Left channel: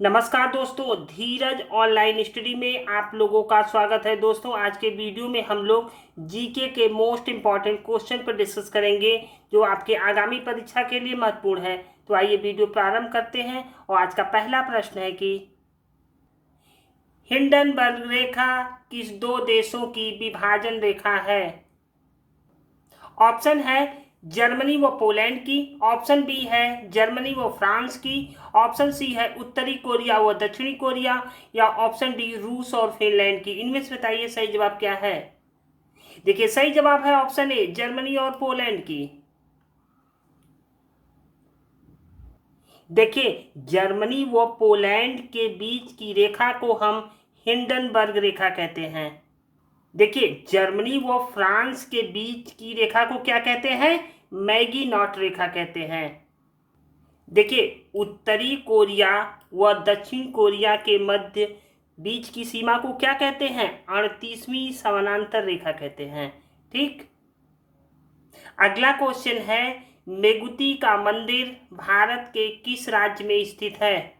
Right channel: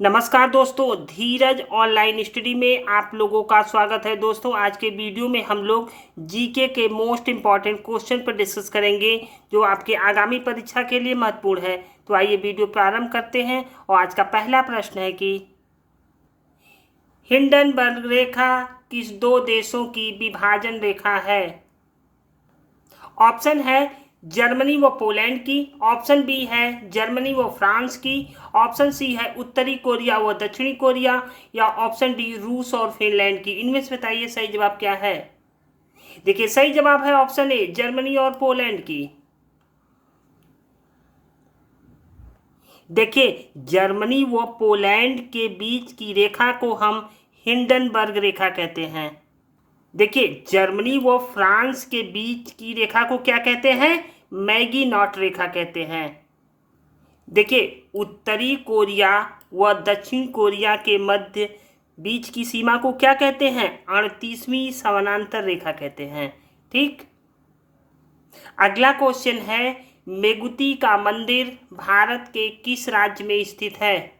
नमस्कार दोस्तों, धीरज online study में आप लोगों का स्वागत है। दोस्तों, आज के वीडियो में हम लोग जीके के मोस्ट इम्पॉर्टेंट क्वेश्चन पर डिस्कस करेंगे जो आपके आगामी परीक्षा के लिए महत्वपूर्ण है। तो आइए वीडियो प्रारंभ करते हैं। और आज का पहला प्रश्न है कि हिंडनबर्ग रेखा किस दो देशों की विभाजन रेखा है? ऑप्शन है जर्मनी व पोलैंड की, ऑप्शन बी है जर्मनी व फ्रांस की, ऑप्शन सी है उत्तरी कोरिया व दक्षिणी कोरिया, या ऑप्शन डी रूस और फिनलैंड की। इनमें से बताइए सही जवाब क्या है। देखिए, सही जवाब है ऑप्शन ए जर्मनी और पोलैंड की। देखिए, जर्मनी व पोलैंड के बीच की रेखा को हम हिंडनबर्ग रेखा कहते हैं। देखिए, जर्मनी व फ्रांस के बीच की रेखा को क्या कहते हैं? मैगी नॉट रेखा कहते हैं। देखिए, उत्तरी कोरिया व दक्षिण कोरिया के मध्य बीच की सीमा को क्या कहते हैं? 38वीं समानांतर रेखा कहते हैं। ठीक, अगला क्वेश्चन है मेगुती का मंदिर भारत के किस राज्य में स्थित है?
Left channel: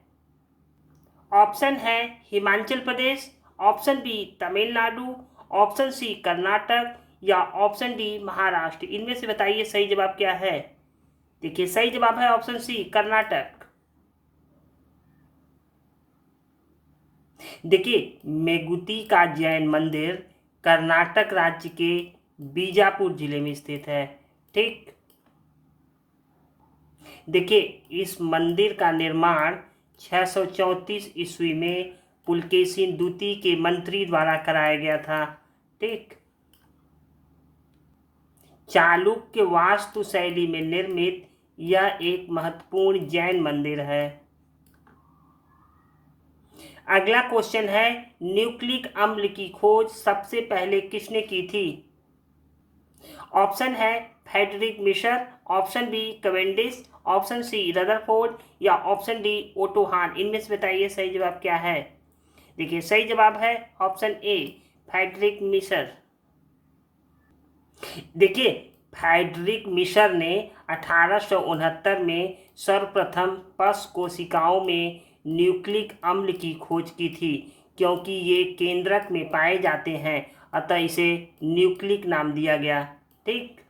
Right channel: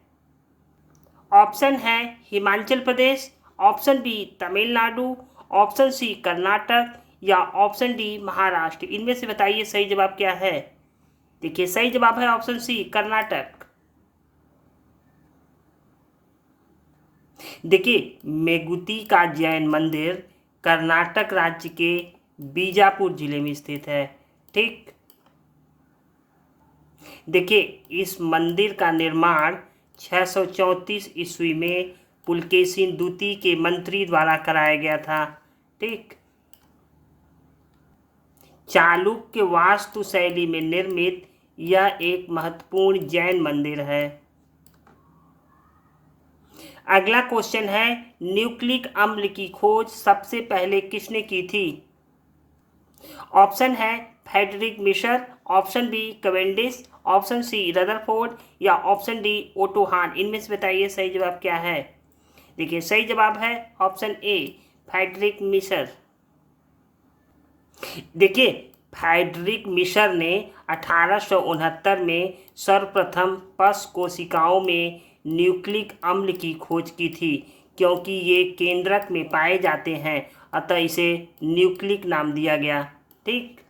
ऑप्शन है Himachal Pradesh, option B Tamil Nadu, option C Karnataka, या ऑप्शन डी महाराष्ट्र। इनमें से बताइए सही जवाब क्या है। देखिए, सही जवाब है ऑप्शन सी कर्नाटक। देखिए, मेगुती का जैन मंदिर कर्नाटक राज्य के बीजापुर जिले में स्थित है। ठीक, देखिए, इस मंदिर का निर्माण 634 ईस्वी में पुलकेशिन द्वितीय के मंत्री द्वारा कराया गया था। ठीक, चालुक्य वास्तु शैली में निर्मित यह एक महत्वपूर्ण जैन मंदिर है। अगला क्वेश्चन है न्यूक्लिक अम्ल की खोज सबसे पहले किसने की थी? Option A Friedrich Miescher, option B Cavendish, option C Rutherford, या ऑप्शन डी ओटो हान। इनमें से बताइए सही जवाब क्या है। देखिए, सही जवाब है ऑप्शन ए फ्रेडरिक मिशर। देखिए, फ्रेडरिक मिशर ने 1869 में सर्वप्रथम पश कोशिकाओं में न्यूक्लिक अम्ल की खोज की थी। क्योंकि ये केंद्रक में पाए जाते हैं, अतः इसे न्यूक्लिक नाम दिया गया। ठीक,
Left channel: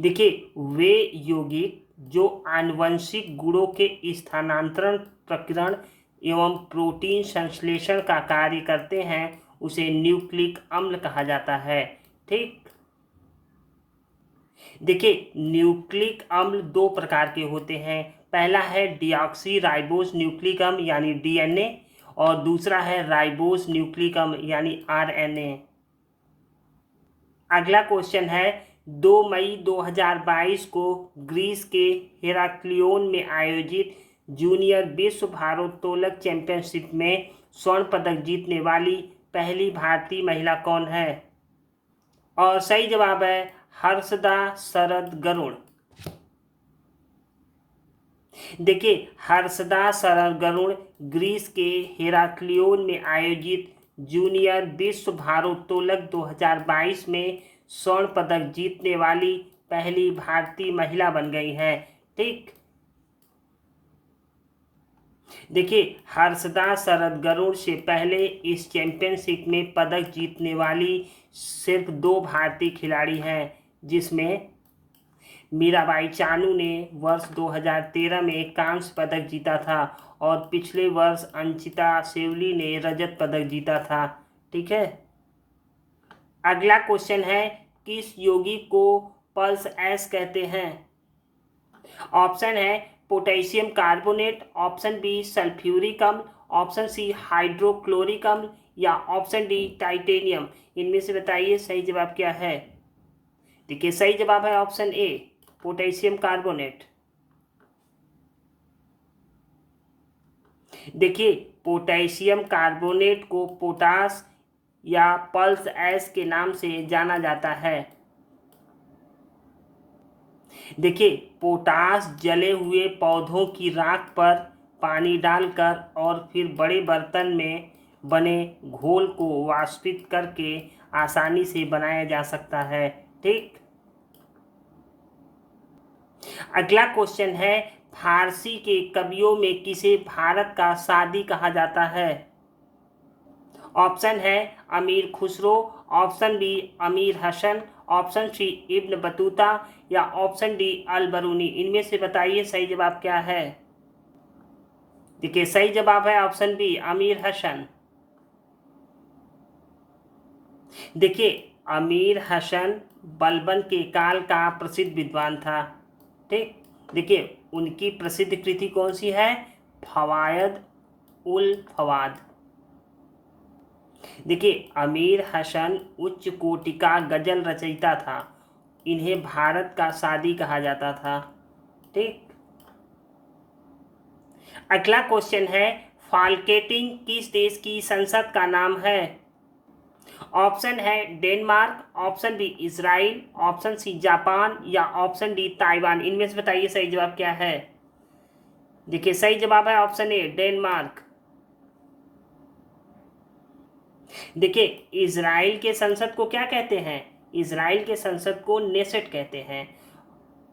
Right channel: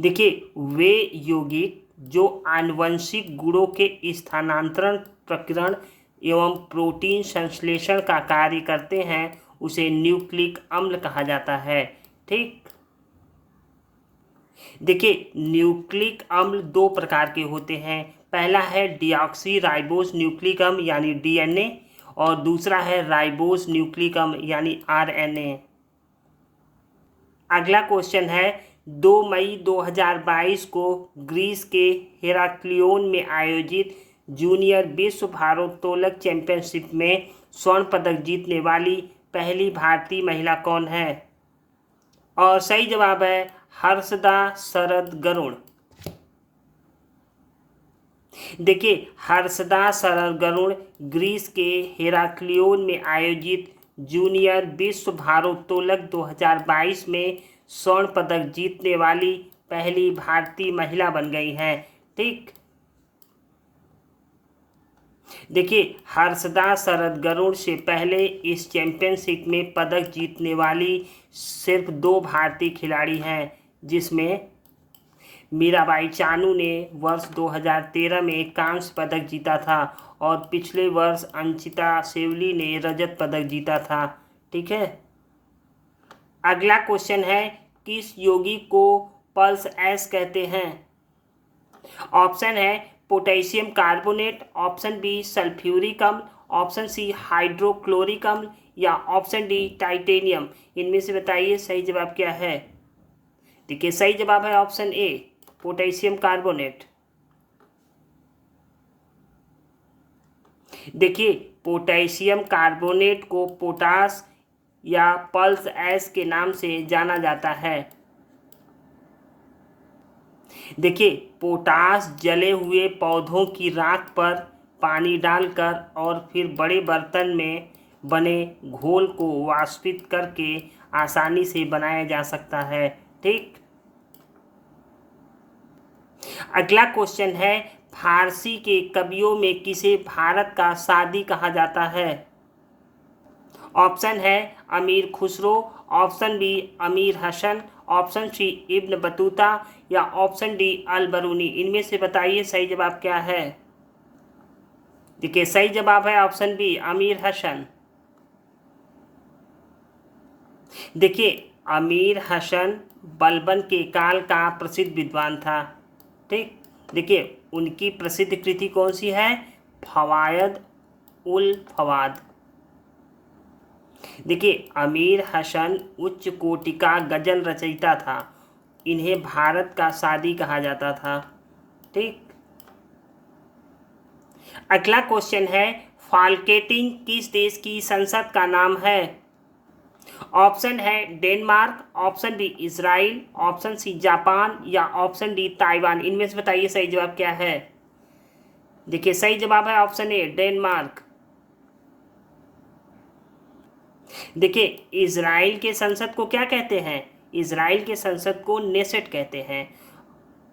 देखिए, वे यौगिक जो आनुवंशिक गुणों के स्थानांतरण प्रकीर्ण एवं प्रोटीन संश्लेषण का कार्य करते हैं, उसे न्यूक्लिक अम्ल कहा जाता है। ठीक, देखिए, न्यूक्लिक अम्ल दो प्रकार के होते हैं। पहला है डिऑक्सी राइबोस न्यूक्लिक अम्ल यानी डीएनए, और दूसरा है राइबोस न्यूक्लिक अम्ल यानी आरएनए। अगला क्वेश्चन है 2 मई 2022 को ग्रीस के हेराक्लियोन में आयोजित जूनियर विश्व भारोत्तोलक चैंपियनशिप में स्वर्ण पदक जीतने वाली पहली भारतीय महिला कौन है? और सही जवाब है हर्षदा शरद गरुड़। देखिए, हर्षदा शरद गरुड़ ग्रीस के हेराक्लियोन में आयोजित जूनियर विश्व भारोत्तोलक 2022 में स्वर्ण पदक जीतने वाली पहली भारतीय महिला बन गई हैं। ठीक, देखिए, हर्षदा शरद गरुड़ से पहले इस चैंपियनशिप में पदक जीतने वाली सिर्फ 2 भारतीय खिलाड़ी हैं, जिसमें मीराबाई चानू ने वर्ष 2013 में कांस्य पदक जीता था और पिछले वर्ष अंचिता सेवली ने रजत पदक जीता था। ठीक है, अगला क्वेश्चन है किस यौगिक को पल्स एस कहते हैं? Option A potassium carbonate, option B sulphuric अम्ल, ऑप्शन सी हाइड्रोक्लोरिक अम्ल, या ऑप्शन डी टाइटेनियम। इनमें से बताइए सही जवाब क्या है। देखिए, सही जवाब है ऑप्शन ए पोटेशियम कार्बोनेट। देखिए, पोटेशियम कार्बोनेट को पोटास या पल्स एस के नाम से जाना जाता है। देखिए, पोटास जले हुए पौधों की राख पर पानी डालकर और फिर बड़े बर्तन में बने घोल को वाष्पित करके आसानी से बनाया जा सकता है। ठीक, अगला क्वेश्चन है फारसी के कवियों में किसे भारत का सादी कहा जाता है? ऑप्शन है अमीर Khusro, option B Amir Hasan, option C Ibn Battuta या ऑप्शन डी अल बरूनी। इनमें से बताइए सही जवाब क्या है? देखिए सही जवाब है ऑप्शन बी अमीर हसन। देखिए अमीर हसन बलबन के काल का प्रसिद्ध विद्वान था। ठीक, देखिए उनकी प्रसिद्ध कृति कौन सी है? फवायद उल फवाद। देखिए अमीर हसन उच्च कोटि का गजल रचयिता था। इन्हें भारत का सादी कहा जाता था। ठीक, अगला क्वेश्चन है फाल्केटिंग किस देश की संसद का नाम है? Option A Denmark, option B Israel, option C Japan या ऑप्शन डी ताइवान। इनमें से बताइए सही जवाब क्या है? देखिए सही जवाब है ऑप्शन ए डेनमार्क। देखिए इजराइल के संसद को क्या कहते हैं? इजराइल के संसद को नेसेट कहते हैं।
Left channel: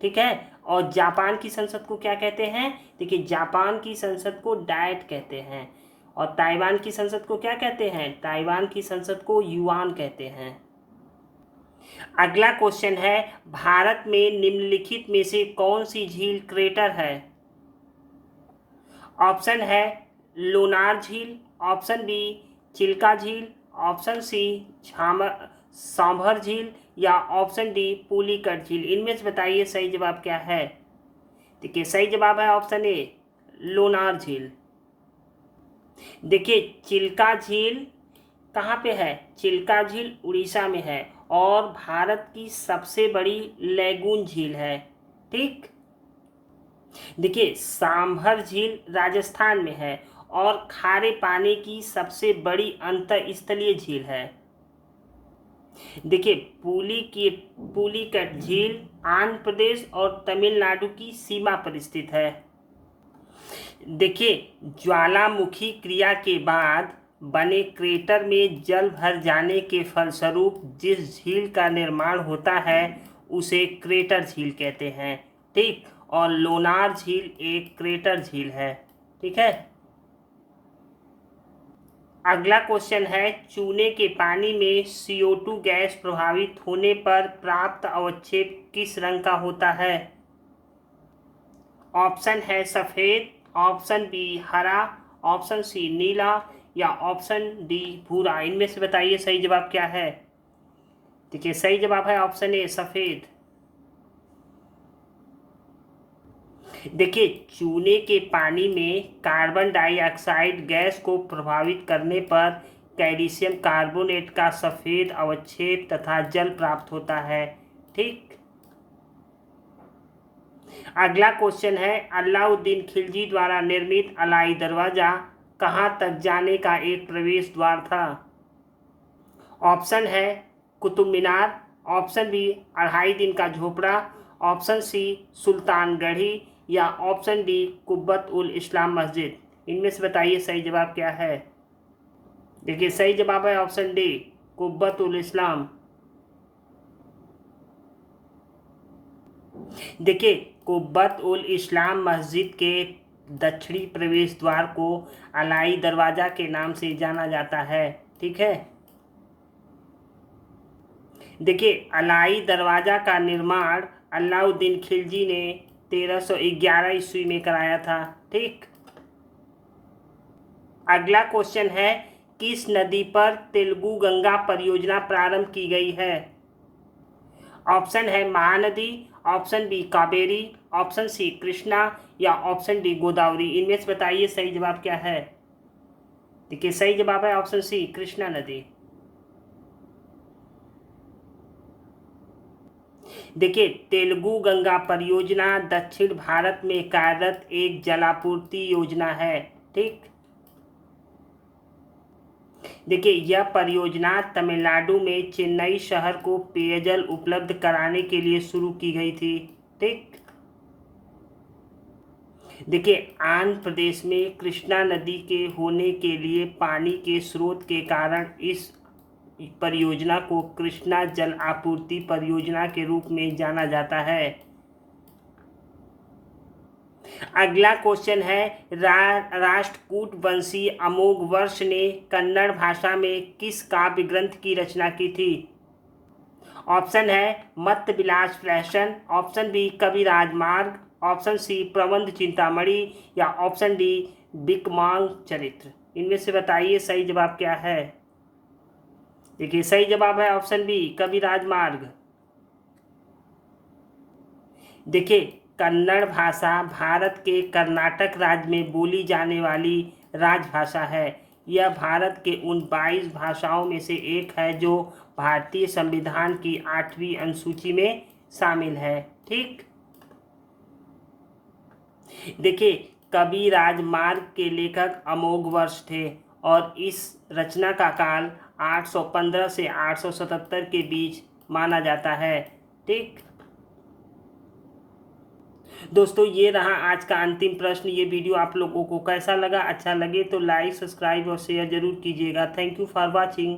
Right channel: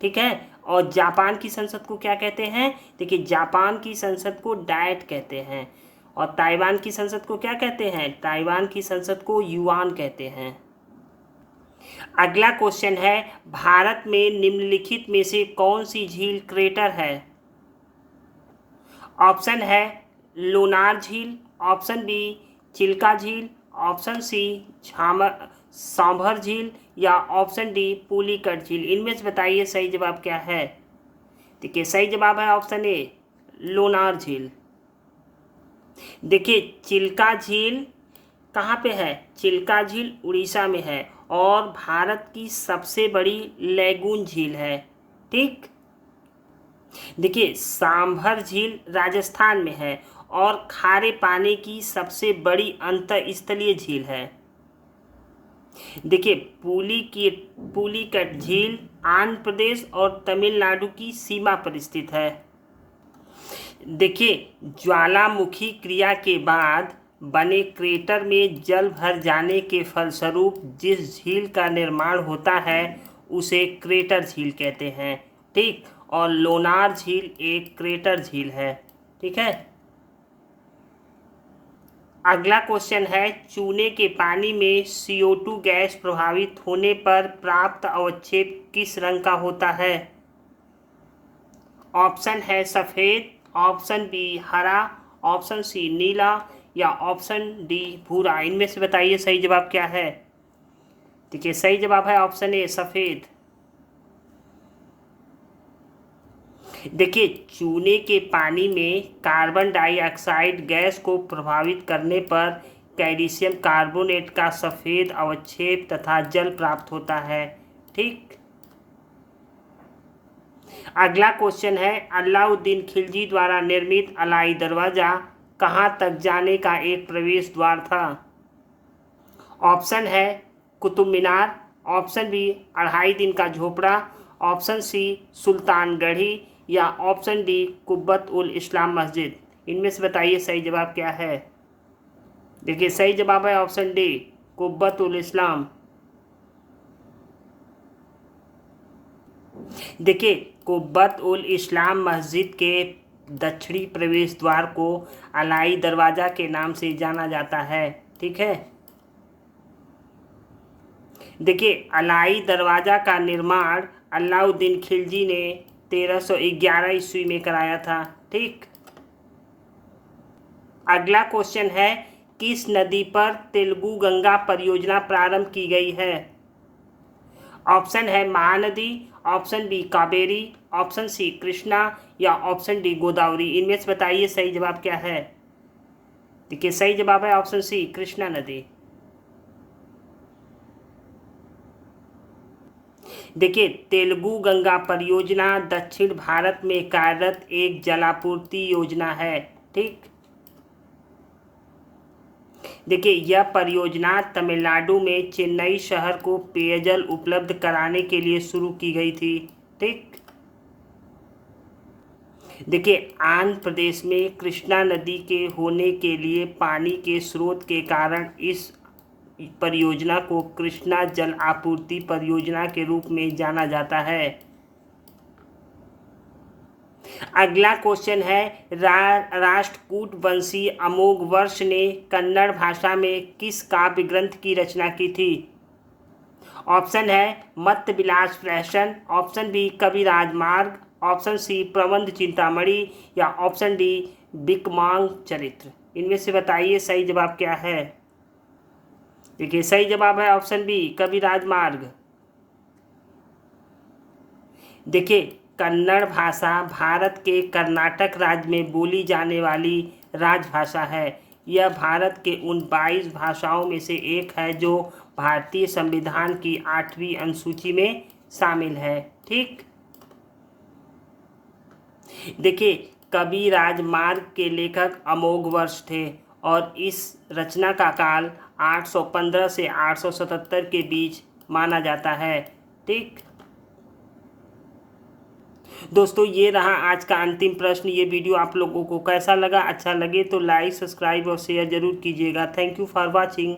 ठीक है, और जापान की संसद को क्या कहते हैं? देखिए जापान की संसद को डायट कहते हैं। और ताइवान की संसद को क्या कहते हैं? ताइवान की संसद को युआन कहते हैं। अगला क्वेश्चन है भारत में निम्नलिखित में से कौन सी झील क्रेटर है? ऑप्शन है लोनार झील, ऑप्शन बी चिल्का झील, ऑप्शन सी सांभर झील या ऑप्शन डी पुलिकट झील। इनमें से बताइए सही जवाब क्या है? देखिए सही जवाब है ऑप्शन ए लोनार झील। देखिए चिल्का झील कहाँ पे है? चिल्का झील उड़ीसा में है और भारत की सबसे बड़ी लैगून झील है। ठीक, देखिए सांभर झील राजस्थान में है और खारे पानी की सबसे बड़ी अंतर्स्थलीय झील है। देखिए पुलिकट झील आंध्र प्रदेश और तमिलनाडु की सीमा पर स्थित है। देखिए ज्वालामुखी क्रिया के बाद बने क्रेटर में जल भर जाने के फलस्वरूप जिस झील का निर्माण होता है उसे क्रेटर झील कहते हैं। ठीक, और लोनार झील एक क्रेटर झील है। ठीक है, अगला क्वेश्चन है चूने के पानी में CO2 गैस प्रभावित होने पर प्राप्त अवक्षेप किस रंग का होता है? ऑप्शन है सफ़ेद, ऑप्शन बी हरा, ऑप्शन सी नीला या ऑप्शन डी भूरा। इनमें से बताइए सही जवाब क्या है? देखिए सही जवाब है ऑप्शन ए सफ़ेद। देखिए चूने के पानी में कार्बन डाइऑक्साइड गैस को प्रभावित करने पर कैल्शियम कार्बोनेट का सफ़ेद अवक्षेप तथा जल प्राप्त होता है। ठीक, अगला क्वेश्चन है अलाउद्दीन खिलजी द्वारा निर्मित अलाई दरवाज़ा कहाँ तक जाने का एक प्रवेश द्वार था? ऑप्शन है कुतुब मीनार, ऑप्शन बी 2.5 दिन का झोपड़ा, ऑप्शन सी सुल्तानगढ़ी या ऑप्शन डी कुब्बत उल इस्लाम मस्जिद। इनमें से बताइए सही जवाब क्या है? देखिए सही जवाब है ऑप्शन डी कुब्बत उल इस्लाम। देखिए कुब्बत उल इस्लाम मस्जिद के दक्षिणी प्रवेश द्वार को अलाई दरवाज़ा के नाम से जाना जाता है। ठीक है, देखिए अलाई दरवाज़ा का निर्माण अलाउद्दीन खिलजी ने 1311 ईस्वी में कराया था। ठीक, अगला क्वेश्चन है किस नदी पर तेलुगु गंगा परियोजना प्रारंभ की गई है? Option A Mahanadi, option B Kaveri, option C Krishna या ऑप्शन डी गोदावरी। इनमें से बताइए सही जवाब क्या है? देखिए सही जवाब है ऑप्शन सी कृष्णा नदी। देखिए तेलुगु गंगा परियोजना दक्षिण भारत में कार्यरत एक जलापूर्ति योजना है। ठीक, देखिए यह परियोजना तमिलनाडु में चेन्नई शहर को पेयजल उपलब्ध कराने के लिए शुरू की गई थी। ठीक, देखिए आंध्र प्रदेश में कृष्णा नदी के होने के लिए पानी के स्रोत के कारण इस परियोजना को कृष्णा जल आपूर्ति परियोजना के रूप में जाना जाता है। अगला क्वेश्चन है राष्ट्रकूट वंशी अमोघवर्ष ने कन्नड़ भाषा में किस काव्य ग्रंथ की रचना की थी? ऑप्शन है मत्त विलास प्रहसन, ऑप्शन बी कवि राजमार्ग, ऑप्शन सी प्रबंध चिंतामणि या ऑप्शन डी बिकमांग चरित्र। इनमें से बताइए सही जवाब क्या है। देखिए सही जवाब है ऑप्शन बी कवि राजमार्ग। देखिए कन्नड़ भाषा भारत के कर्नाटक राज्य में बोली जाने वाली राजभाषा है। यह भारत के उन 22 भाषाओं में से एक है जो भारतीय संविधान की 8वीं अनुसूची में शामिल है। ठीक, देखिए कवि राजमार्ग के लेखक अमोघवर्ष थे और इस रचना का काल 815 से 877 के बीच माना जाता है। ठीक दोस्तों, ये रहा आज का अंतिम प्रश्न। ये वीडियो आप लोगों को कैसा लगा? अच्छा लगे तो लाइक, सब्सक्राइब और शेयर जरूर कीजिएगा। Thank you for watching.